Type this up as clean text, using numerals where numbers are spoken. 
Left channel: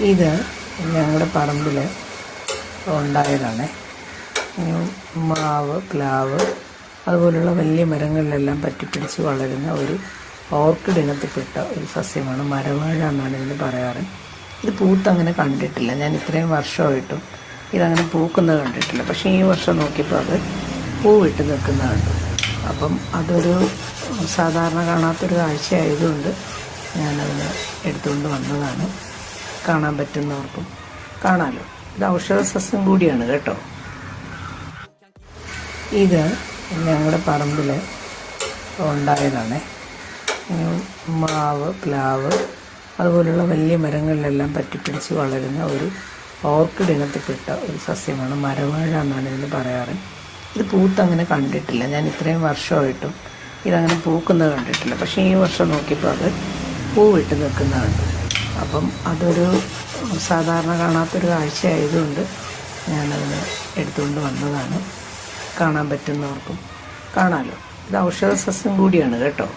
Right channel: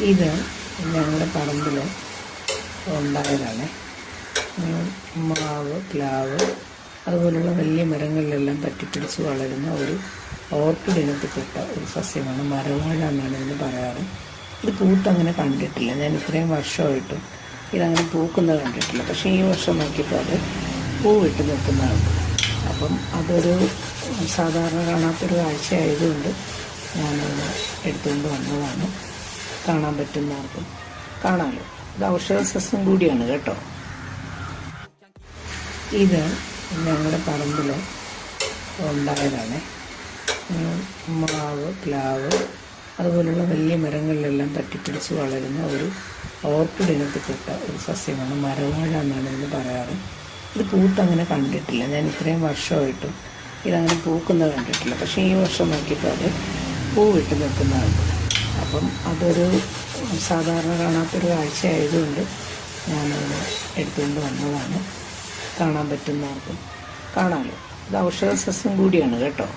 ഇത് ഞങ്ങളുടെ പറമ്പിൽ ഉണ്ടായതാണ്. മാവ്, പ്ലാവ് അതുപോലുള്ള വലിയ മരങ്ങളിലെല്ലാം പറ്റിപ്പിടിച്ച് വളരുന്ന ഒരു ഓർക്കിഡ് ഇനത്തിൽപ്പെട്ട ഒരു സസ്യമാണ്. മരവാഴ എന്നാണ് ഇതിന് പറയാറ്. ഇത് പൂത്തങ്ങനെ കണ്ടിട്ടില്ല. ഞാൻ ഇത്രയും വർഷമായിട്ടും ഇതങ്ങനെ പൂക്കുന്നത് കണ്ടിട്ടില്ല. പക്ഷേ ഈ വർഷം നോക്കിയപ്പോൾ അത് പൂവിട്ട് നിൽക്കുന്നതുണ്ട്. അപ്പം അതൊരു സാധാരണ കാണാത്തൊരു കാഴ്ചയായതുകൊണ്ട് ഞാനത് എടുത്തുകൊണ്ട് വന്നതാണ്. കാണാൻ പറ്റുന്നവർക്കും കാണാമല്ലോ. ഇത് ഔഷധ സസ്യം കൂടിയാണ് കേട്ടോ. ഇത് ഞങ്ങളുടെ പറമ്പിൽ ഉണ്ടായതാണ്. മാവ്, പ്ലാവ് അതുപോലുള്ള വലിയ മരങ്ങളിലെല്ലാം പറ്റിപ്പിടിച്ച് വളരുന്ന ഒരു ഓർക്കിഡ് ഇനത്തിൽപ്പെട്ട ഒരു സസ്യമാണ്. മരവാഴ എന്നാണ് ഇതിന് പറയാറ്. ഇത് പൂത്തങ്ങനെ കണ്ടിട്ടില്ല. ഞാൻ ഇത്രയും വർഷമായിട്ടും ഇതങ്ങനെ പൂക്കുന്നത് കണ്ടിട്ടില്ല. പക്ഷേ ഈ വർഷം നോക്കിയപ്പോൾ അത് പൂവിട്ട് നിൽക്കുന്നതുണ്ട്. അപ്പം അതൊരു സാധാരണ കാണാത്തൊരു കാഴ്ചയായതുകൊണ്ട് ഞാനത് എടുത്തുകൊണ്ട് വന്നതാണ്. കാണാൻ പറ്റുന്നവർക്കും കാണാമല്ലോ. ഇത് ഔഷധ സസ്യം കൂടിയാണ് കേട്ടോ.